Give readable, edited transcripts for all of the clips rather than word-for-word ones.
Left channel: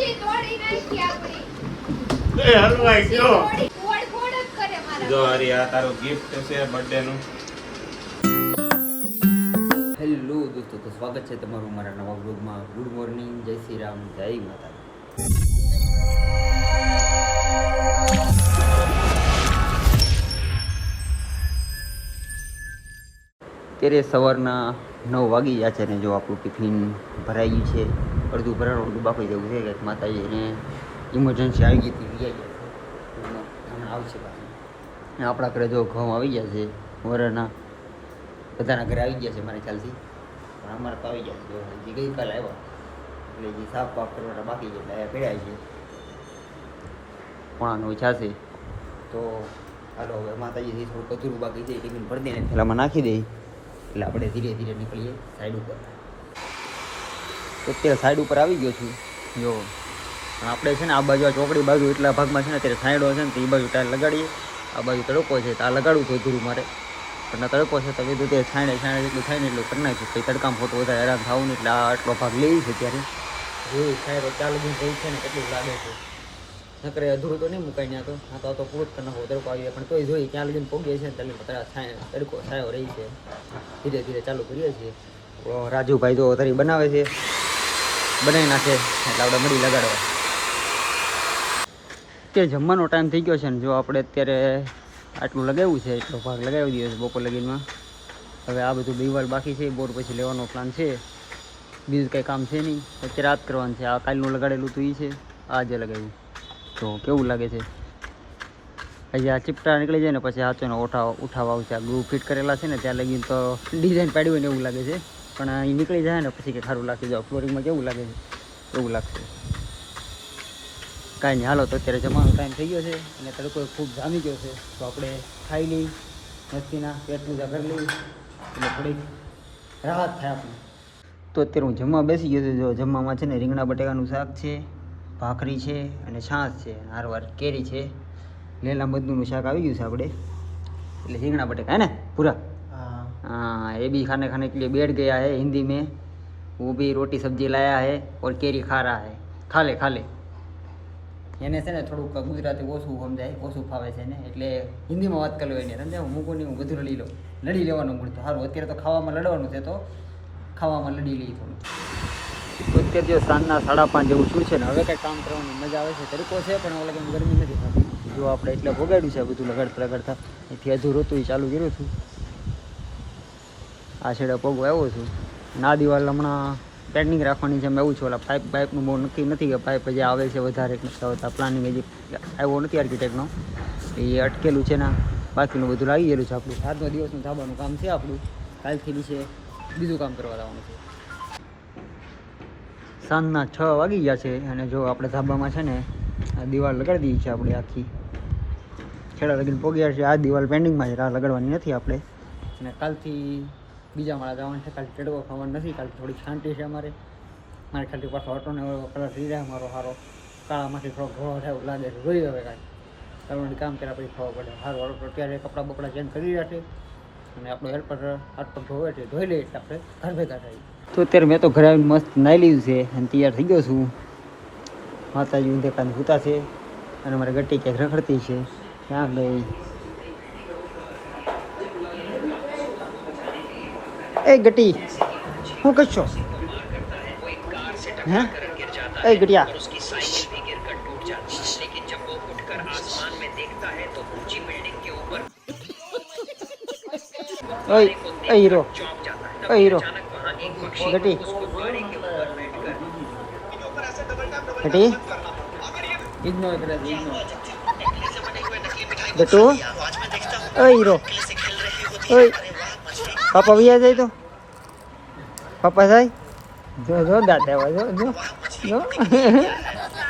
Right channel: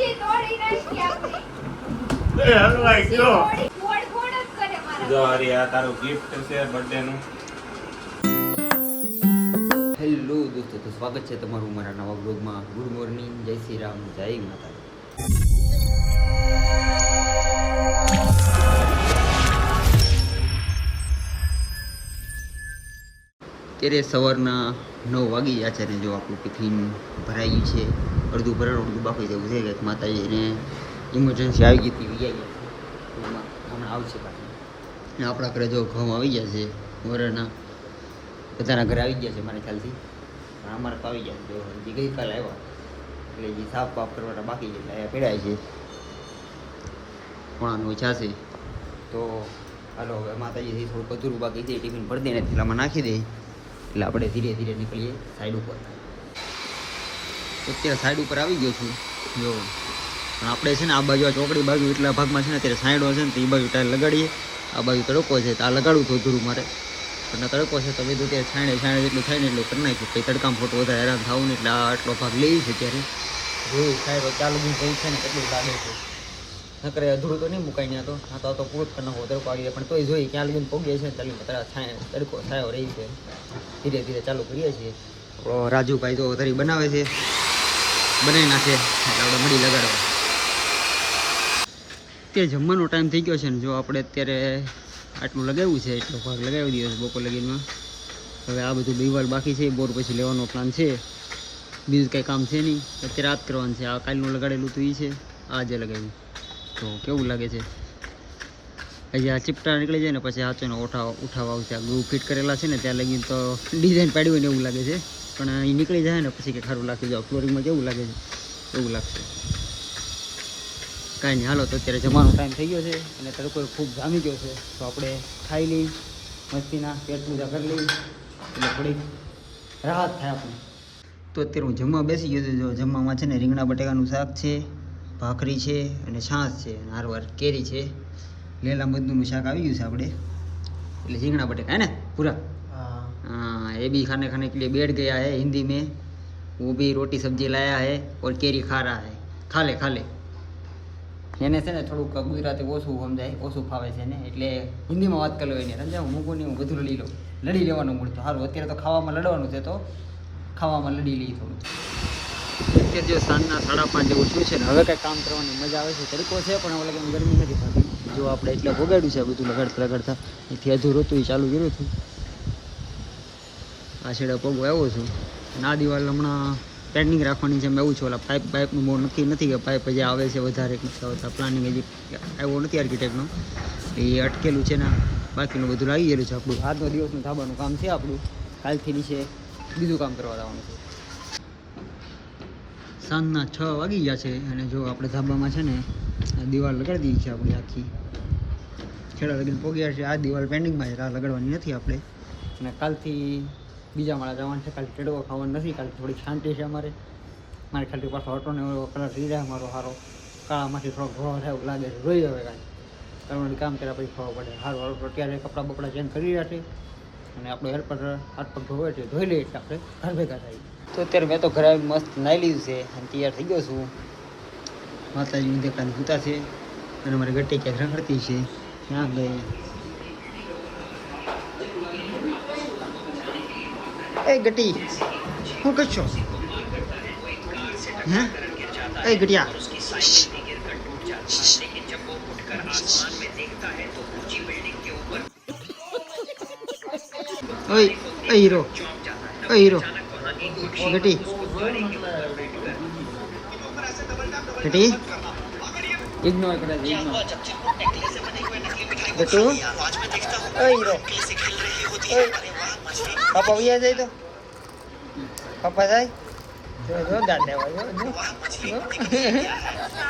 એ હલવાઈ ગયો જો હરી આ તારું ગિફ્ટ છે બર્થડે નું. હેલો દોસ્તો, તો સ્વાગત છે તમારું મારા નવા બ્લોગમાં. ગુડ મોર્નિંગ, જય શ્રી રામ, જય માતા. અત્યારે સવારના 9 વાગી ગયા છે ને જો આપણું ટિફિન ભરાઈ ગયું છે. અડધું ભરાણું અડધું બાકી જવું છે. કંઈક માતાજીને ઇમરજન્સી આવી ગઈ હતી, વી ગયા છે હમણાં આવશે પાછી. આપણા ઘરે જો ઘઉં આવી ગયા છે વરાના, બધાના ઘરે આવી ગયા છે મારા ખ્યાલથી, પણ અમારે તો આવી ગયા જો હજી ગઈકાલે આવ્યા એટલે જે સાફ બાફ કરવાના બાકી છે એટલે અહીંયા પીડાય છે. પોણાનું ઈચ્છા છે તો હાલો હવે માતાજીથી થોડુંક અધૂરું બાકી છે, ટિફિન ભરી દઈને થેલામાં નાખી દઈ એટલે આપણે ધીરે ધીરે નીકળીએ સાઈડ ઉપર. અત્યારે સાઈડ ઉપર આવી ગયો છું જો, પણ આપણે છે ને આ બાજુ આ ચોકડી બાજુ એટલા ભાગમાં છે ને અત્યારે સાઈડો છે ને તો એ બાજુ ટાયર લગાડીએ. આ બાજુ તડકો છે તો આ લગાડવું તો અધૂરું મારે, પણ આ તડકો છે તો કીધું તે છાંડે જેટલું થાય ને એટલું કરી નાખ્યું. કંઈ તડકામાં ફોટો વધારે હેરાન થવું ને એટલે આ આટલો ભાગ લઈ છે ત્યારે જોયું સાહેબ ચાલુ બી કઈ છે ને કેટલું લાગે છે. નકરે અધૂરું તો નહીં મુકાઈ ત્યાં તો આ તો પૂરો જ કરી નાખો તડકો આવી જાય, પણ તોય જોઈએ ક્યાં લગીને પહોંચીએ છે ને ત્યાં તડકો છાયો રહી છે. ધીરે ધીરે ચાલુ કરીએ છીએ. રાજુભાઈ તો તરી બનાવે છે, બનાવી નાખે એટલે આપણે મળી લગાડવા. તે જમવાનો ટાઈમ થઈ ગયો છે ને જો આપણે અત્યારે આટલું લગાવ્યું છે એટલો ભાગ લગાવી દીધો છે બપોર લગીનમાં. હવે આ બધું દિવાલ બાકી છે, બોર પછી લેવાનો પ્લાન છે. બીજું કંઈ કામ છે નહીં, અત્યારે રાત કરવાનું છે. આ કાલનું લગાડેલું તો એ છે, આ જે લગાવ્યું તો કેવું લાગે છે. હજી આ ચીપટા નીકળી જાય ને પછી હાચોને ઉઠાવવા આવશે. આ ગ્રુપ ફિટ કરેલા છે ને ત્યાં લગીને તો ડિઝાઇન પાડી હોય ને એવું લાગે છે, પણ એ નીકળી જાય ને પછી કે સારું લાગશે. જો ફ્લોરિંગમાં કેવું લાગે છે એવું લાગશે. કાંઈ નહીં, હાલો તો અત્યારે જમવાનો ટાઈમ થઈ ગયો છે અને તડકો ખૂબ જામી ગયો છે તો આપણે ખાઈ લઈ મસ્તીના, પેટ પૂજા કરી લઈ એટલે થોડીક રાહત થાય આપણે. તો અત્યારે હું જમવા બેસી ગયો છું. જો જમવામાં છે ને રીંગણા બટેકાનું શાક છે, ભાખરી છે અને છાશ છે અને હારવાર કેરી છે. લીલા મધનું શાક આવી ગયું છે આપણે, એટલે રીંગણા બટેકા હે ને પૂરા. हाँ ये भी खाने खाने के लिए बैठ गया है. हिंदी में वो भी रोटी सब्जी लाया है और केरी खा रहा है. खा ले खा લે. એને છે ને થોડુંક ગુજરાતી ઓછું સમજાય, ઓછું ફાવે છે ને એટલે હિન્દીમાં વાત કરી લો એને સમજાવ. મૂકું નહીં, હું બધું લડી લેવાનું મૂળ તો સારું. અત્યારે તો ખાવામાં લડવાનું છે તો ખાવામાં લડી લઈ થોડું. અત્યારે જો સાંજના 5:30 જેવું શું છે ને હવે કંઈ કામ કરવાની મજા આવે છે. તડકો છે પણ ઓલા કેમ ગરમી નથી થતી. જો આપણે એટલે ભોગાડ્યું છે બધું લગાડતા એથી અધૂરું હતું એ ચાલુ કર્યું હતું. આ છેડે પગો આવ્યો છું અને આ દિવાલ હમણાં પેન્ડિંગ રાખવાની છે. મેં એવું છે ઓલા પાઇપનું બહુ નક્કી નથી કે પાઇપ હજી આવે છે વધારે નથી આવતા. પ્લાનિંગ હજી આવ્યો નથી આર્કિટેક્ટનો, એ અટકેલું છે ને બાકીનું બધું લાગી ગયેલું છે. આપણું આજનો દિવસનું ધાબાનું કામ છે આપણું. કાલથી નીચે બીજું કામ કરવા જવાનું છે. સાંજના 6 વાગી ગયા છે અને જો આપણે ધાબામાં છે ને આ દિવાલ લગાડી દીધી છે આપણે આખી. છેડા લગીને પોગ્યા છે. આ દિવાલ પેન્ડિંગમાં છે, આ લગાડવાની નથી આપણે. અને કાલથી બીજા માળા જવાનું છે. કાલે તડકો ખાવાનું નથી. કાલે થોડીક શાંતિ છે અમારે ખાલી પાછો ઓટોને કલર રહી રહ્યા મારો સારો કાળામાંથી થોડોક ધોળો થાય એવું લાગે છે. જોઈ હવે કાંઈ કરવાનું કામ કર્યા પછી ખબર પડે. સારું ઓટો અત્યારે કપડાં બપડા ચેન્જ કરી રહ્યા છે અને આપણો હેલ્પર હાથ પગ ધોવે છે, ધોઈ લઈએ એટલે આપણે ઘર ભેગા થાય. તો અત્યારે મેં તો ઘરે મસ્ત નાહી લીધું છે અને તૈયાર થઈ ગયો છું. માતાજી દેખાને સૂતા છે અને મારે ગટ્ટી ક્યાંક રખડતી છે. ક્યાં ગઈ એ ગટી? શું કરશો હે? એ ગટિયા ઓય એ હીરો, એ હીરો ગટી ગટી ઇગ્નોર કરે છે, ઇગ્નોર. ગટુ એ હીરો પાપા વિયા જાય તો પાપા જાય જો જો દાંત દેવા જો જો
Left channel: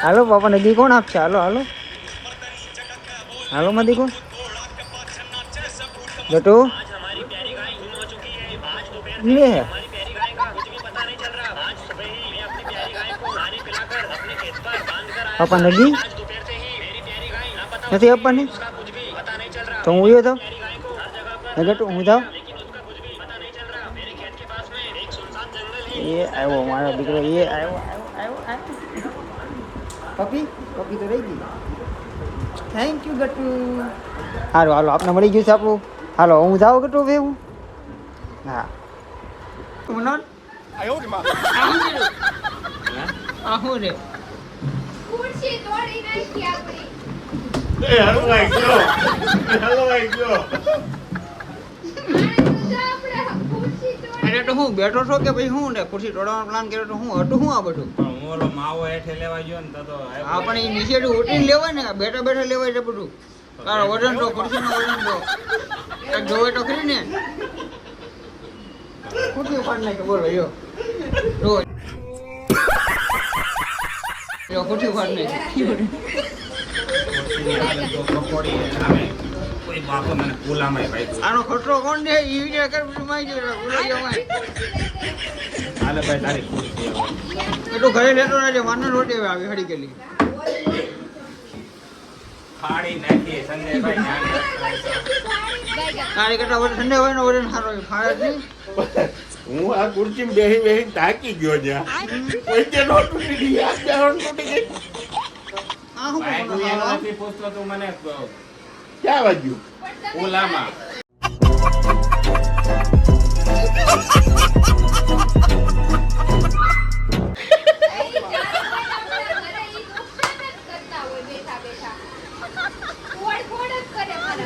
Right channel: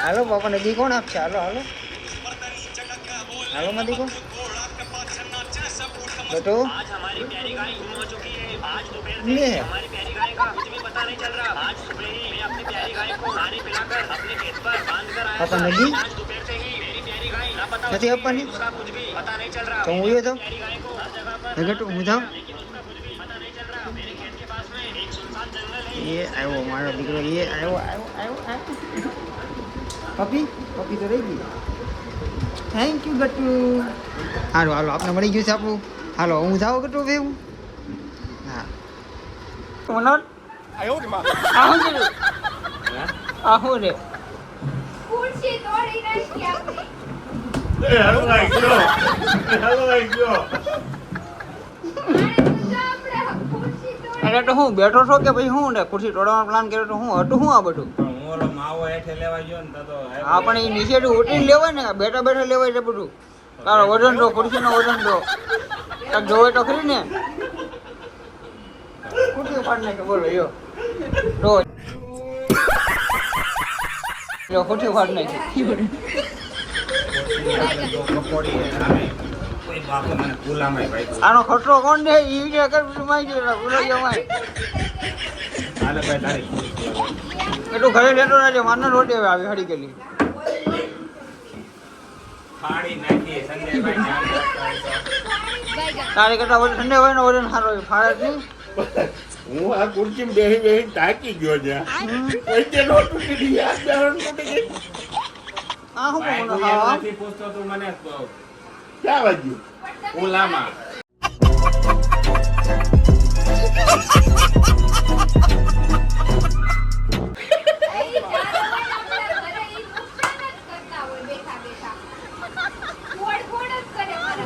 હાલો પાપા નદી કોણ આપશે? હાલો હાલો હાલો માં દેખો ગટુ લે પાપા નદી નથી આપવાની તો હું ઉયો તો ગટુ હું જાઉં. એ આવ્યો મારો દીકરો, એ આવ્યો આવ્યો આવ્યો આવ્યો પપી પપી તો રહી ગઈ. Thank you Gatu. હાલો હાલો આપણે મળી ગયું છે આપણું. હાલો હું જાઉં ગટુ ભેવું. હા મનોજ આહું રે ખુરશી તોડી નાખી હતી. એ હલવાઈ ગયો હલવાઈ ગયો. અરે તો હું બેઠો છો કે ભાઈ હું ને ખુરશી તોડવાનો પ્લાન કર્યો તો હું હતું હું આ બધું. પણ હું ઓલો માવો હેઠે લેવા ગયો ને તો હા પણ એ નીચે ઉઠીને લેવાય ને બેઠા બેઠા લેવાય છે બધું. તારો વજન તો ખુરશીનો વજન તો કાંઈક જોવે તો ખરી ને. ખુરશી ફાડ નાખે બોલો યો રો યો ખુરશી ફાડ નાખે. કોઈ બાપો મને ગુલામાય ભાઈ. આનો ખતરો કોણ દે ઈ વિચાર કર બધું માઈ ગયો ભૂલાઈ જવાય. હાલે ભાઈ તારી ખુરશી હવે. એટલું ઘરે લેતો રહેજે માનો રોટી હવે આવી હળી ગયેલી. ફાડી નાખી સંજયભાઈ ને આમ. તારે કરતા વજન ઠંડે હોય ને વજન સારો હોય ફાડે જ નહીં. હું આ ખુરશીમાં બેહી બેહી થાકી ગયો છે. કોઈ તે નો તૂટી ગઈ આ બેહણ તૂટી ગઈ. આ હું ભાઈ કોનો તું એમ હા નથી પૂછતો તું મને ક્યાં વાગ્યું ઓલામાં.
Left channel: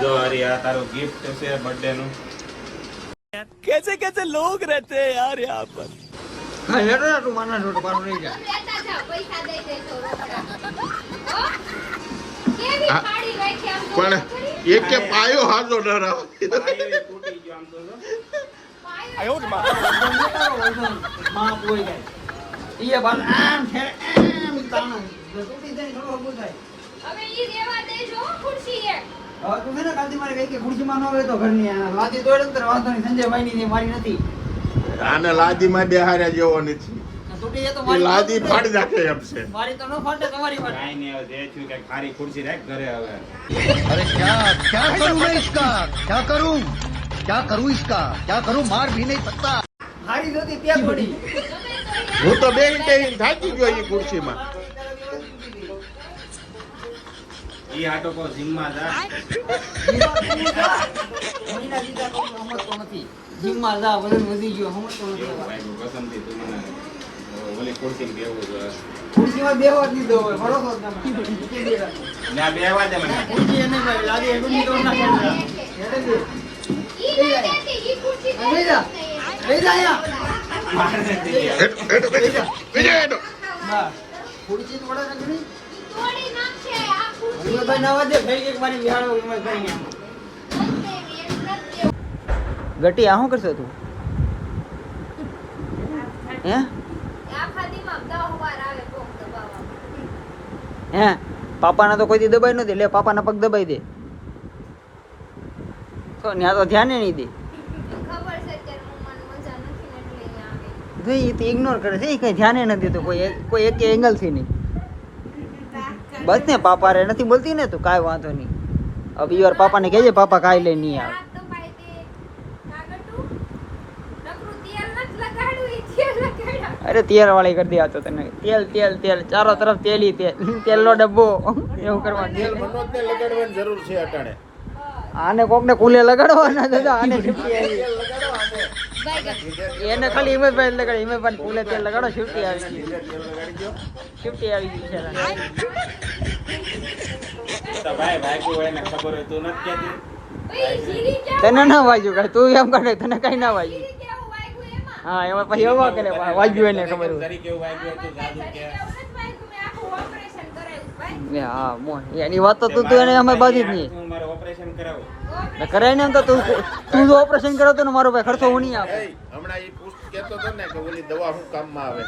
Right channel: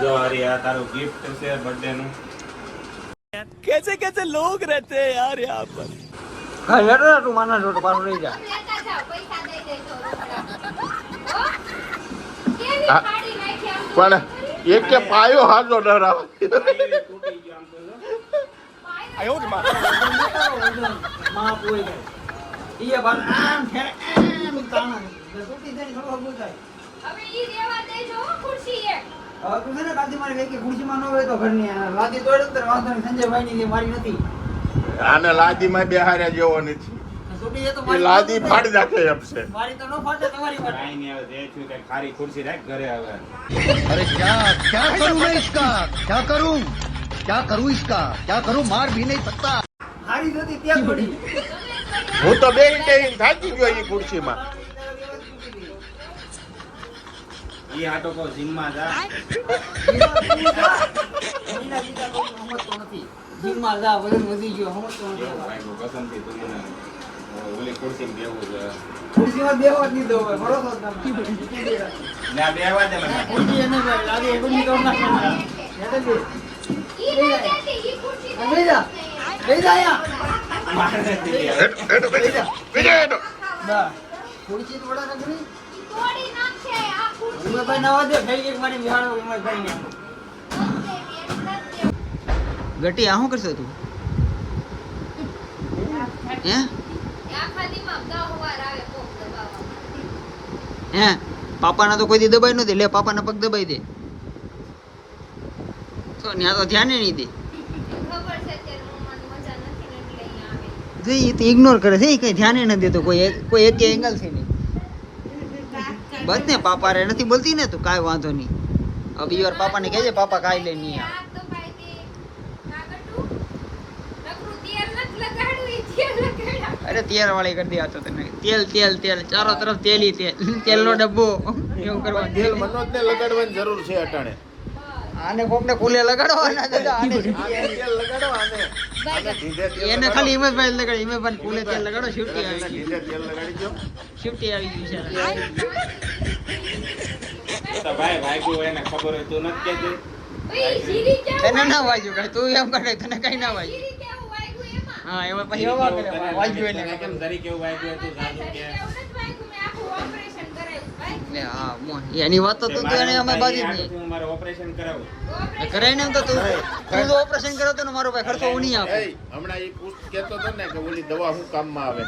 જો હરી આ તારું ગિફ્ટ છે બર્થડે નું. ઘરે લેતો જા તું માનો રોટો પાછો રહી જા. પણ એક કે પાયો હાજો ડરાવ. તૂટી ગયો આમ તો માં પોઈ જાય. ઈ બાર આમ છે આમ તાણો તૂટી જાય થોડો હગું થાય. હવે તું છે ને કાલથી મારી કઈ કે ખુરશીમાં ન હોય તો ઘરની લાદી તોડે તો વાંધો નહીં. સંજયભાઈ ની મારી નથી. આને લાદીમાં બેહાર્યા જેવો નથી. તૂટી જાય તો એ મારી લાદી ફાડી નાખે એમ છે. મારી તો ન ફાટે તમારી ફાટે. કાઈ નહીં હવે જે થયું કે ખારી ખુરશી રાખ ઘરે હવે. अरे क्या करूं मैं इसका क्या करूं इसका क्या करूं मार भी नहीं सकता. હારી જોતી ત્યાં પડી. હું તો બેહી બેહી થાકી ગયો એ ખુરશીમાં. ઈ આટો કો જીમમાં જા. જીમમાં જા વજન વધી ગયો સમજતો નથી. ભાઈ કસમથી તું મને ઓલી ખુરશીમાં બેહવું છે. ખુરશીમાં બેહવા જ દીધો હોય ભરોસો જ નથી. ના બેહવા દે મને. ખુરશી એને ભાઈ લાદી એગુની તો ના કરી લઈ જા અહીંયા. મારે નથી. બા ખુરશી તો વડા નથી. ભાઈ ના દે ફેરી મારી બિહાડો ભાઈ ને ગટી આ શું કરશો તું હે હે પાપાના તો કોઈ દી દબાઈ નથી. લે પાપાના પગ દબાઈ દે તો ત્યાં તો ધ્યાન નહીં દે. એ તો ઇગ્નોર કરે છે. કઈ ધ્યાન નથી દેતો કોઈ એક એંગલ થી નહીં. બસ ને પાપા રે નથી બોલતી ને તું કાંઈ વાંધો નહીં. હવે યાર પાપાને કહેજે પાપા કાંઈ લઈ નહીં આવે. અરે તેલ વાળી કરી દે આ તો તને તેલ તેલ તેલ ચારો તરફ તેલી તેલનો ડબ્બો એવું કરવા દે. મનોજને લગાડવાની જરૂર છે અટાણે. આને કોકને કુલે લગાડવાના દાદા. એને ખાલી હિંમતભાઈ લગાડ. હિંમતભાઈ કુલે તેલ લગાડો. શિફ્ટી આવી ગઈ. શિફ્ટી આવી ગઈ છે. તો ભાઈ ભાગ્યું એને ખબર હોય તું નથી કહેતી. તને ના વાગ્યું કઈ. તું એમ કરે તને કઈ ના વાગ્યું. હા એમાં પછી એવો કરે વાગ્યું એને ખબર. તરીકે એવું વાગ્યું હોય તું જાદુ કે. હા એની વાત તો તું એને અમે બાજુ જ નહીં. હું મારે ઓપરેશન કરાવું. કરાય ને એમ તો તું જો ઓપરેશન કરાવતો ને મારો ભાઈ ખર્ચો હું નહીં આપું. હમણાં એ કહેતો હતો ને કે ઓલી દવા શું કામમાં આવે.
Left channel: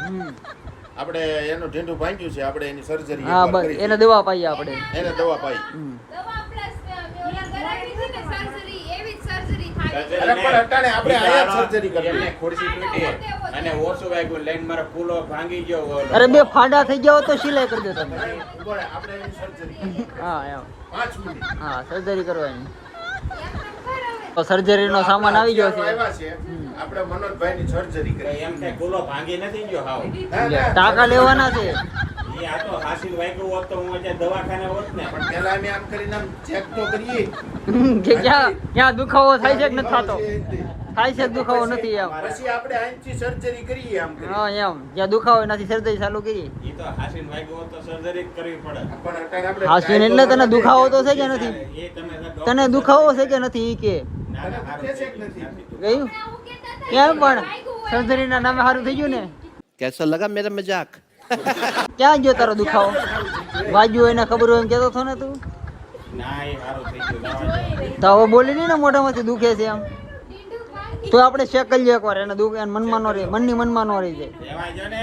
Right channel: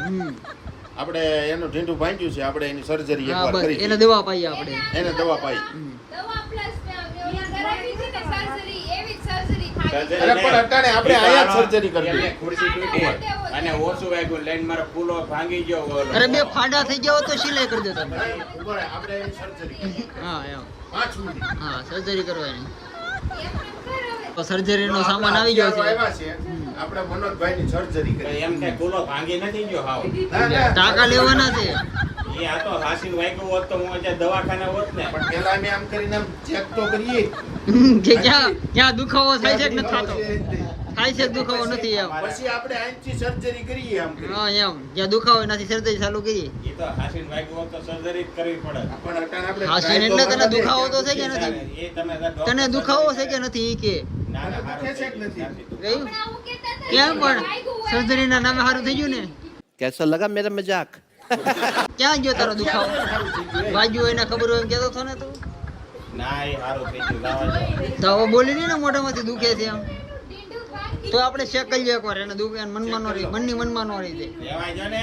આપણે એનું ઢીંઢું ભાંગ્યું છે, આપણે એની સર્જરી હા બસ એને દવા પાઈએ આપણે. એને દવા પાઈ. અરે પણ અટાણે આપણે આયા સર્જરી કરવી. ખુરશી તૂટી અને ઓછું વાગ્યું લઈને મારો ફૂલો ભાંગી ગયો. અરે બે ફાંડા થઈ જાવ તો સિલાઈ કરી દો તમે. ઉભો રહે, આપણે એની સર્જરી હા એમ 5 મિનિટ. હા સર્જરી કરવાની. તો સર્જરીનો સામાન આવી ગયો છે. આવ્યા છે. આપણે મનોજભાઈની સર્જરી કરી. એમ થાય ગોલો ભાંગી નથી ગયો હાવ. ના, ના, ટાંકા લેવાના છે. એ આ તો હાસીન વાગ્યું હોત તો હું અત્યારે દવાખાને હોત ને. પણ પેલા અમે આમ કરીને આમ ચેક તો કરીએ. કે ક્યાં દુખાવો થાય છે કે નથી થતો? થાય છે કે દુખાવો નથી એમ? પછી આપણે આંચી સર્જરી કરીએ આમ કરીને. હા એમ જ્યાં દુખાવો નથી સર્જરી ચાલુ કરી. એ તો હાસીન વાગ્યું હોત તો સર્જરી જ કરવી પડે. પણ અત્યારે આપણે હાસીન try એટલે તો તને કરવા દુખાવો દે. તો છે કે નથી? એ તમે તને દુખાવો છે કે નથી ઈ કે ના, ના, દુખે છે કે નથી? જોયું? ક્યાં પણ સર્જરી ના નામે સારું થઈ ગયું ને? कैसा लगा मेरा मजाक? ક્યાં ગયો તારો દુખાવો? વાગ્યું એને ખબર હોય એમ કહેતો હતો ને તું? ના એ સારું થઈ ગયું લાવા તો હવે બોલી નહીં ને મોઢામાંથી દુખે છે એમ. તો આપણે ચેક કરી લઈએ એકવાર એને દુખે એને મનમાં નો રહે, મનની મનમાં નો રહી જાય. લેવાય જો ને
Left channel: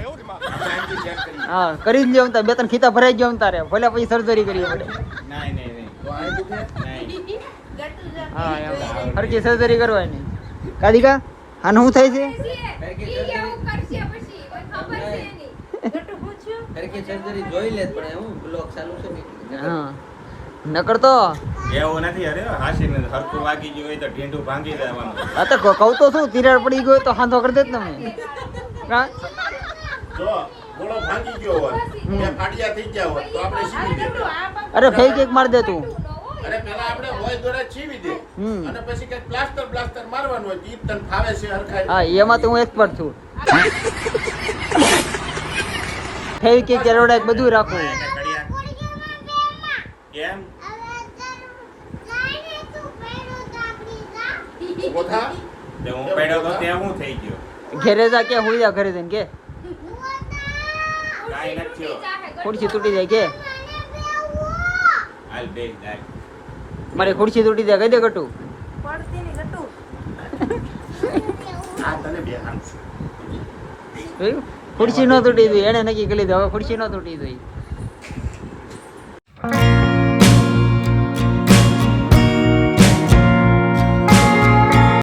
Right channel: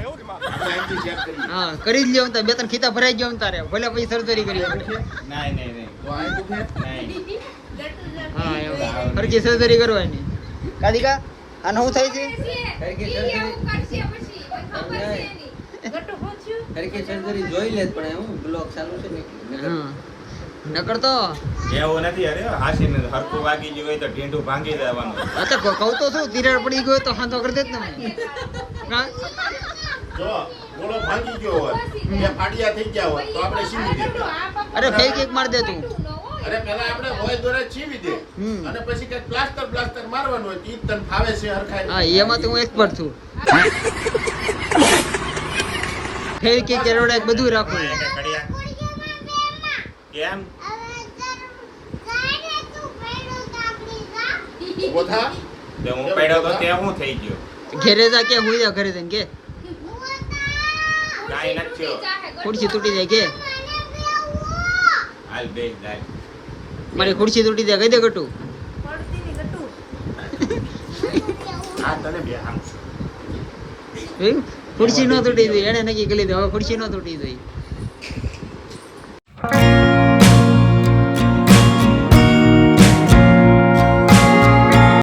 આપણે આંચી check કરીએ. હા કરી જ લ્યો તારે, બે ત્રણ ખીતા ભરાઈ ગયો તારે, ભલે પછી સર્જરી કરીએ આપણે. નહીં નહીં નહીં તો આ દુખે? નહીં હા એમ હરકી સર્જરી કરવાની. કાદિકા આનું શું થાય છે? હા નકર તો એવું નથી અરે હાસીન હરખું વાગી ગયું હોય તો ઢીંઢું ભાંગી દેવાનું. આ તો કહું તો શું, તિરાડ પડી ગયો તો હાથો કરી દે જ તમે. હા જો ગોળો ભાંગી ગયો હોત, બે ફાડિયા થઈ ગયા હોત તો આપણે સીવી દે. અરે ફેક એક માર દે તું. અરે પેલા આપણે હોય દોરે છીવી દે હમ. અને પછી કઈક પ્લાસ્ટર મારવાનું હોય ઈ તને ફાવે છે હરખાઈ. હા એમાં તો હું એક્સપર્ટ છું. ફેક એક કેરોડા બધું રાખું. એટલે કડિયા કેમ ઊભો થા. તે હું પડ્યો તો ત્યાં શું થઈ ગયું? ઘેરે જા કે હુઈ જા ઘરે જઈને કે કાંઈ નથી થયો. ખુરશી તૂટી જાય કે હાલ બેસ જાય. મારી ખુરશી તૂટી જાય કહી દે ગટુ. આ તને બે હામ. જોયું? ખુરશી ન તૂટી જોઈ એને નક્કી કરી લીધું હવે ખુરશી ન તૂટી જોઈ.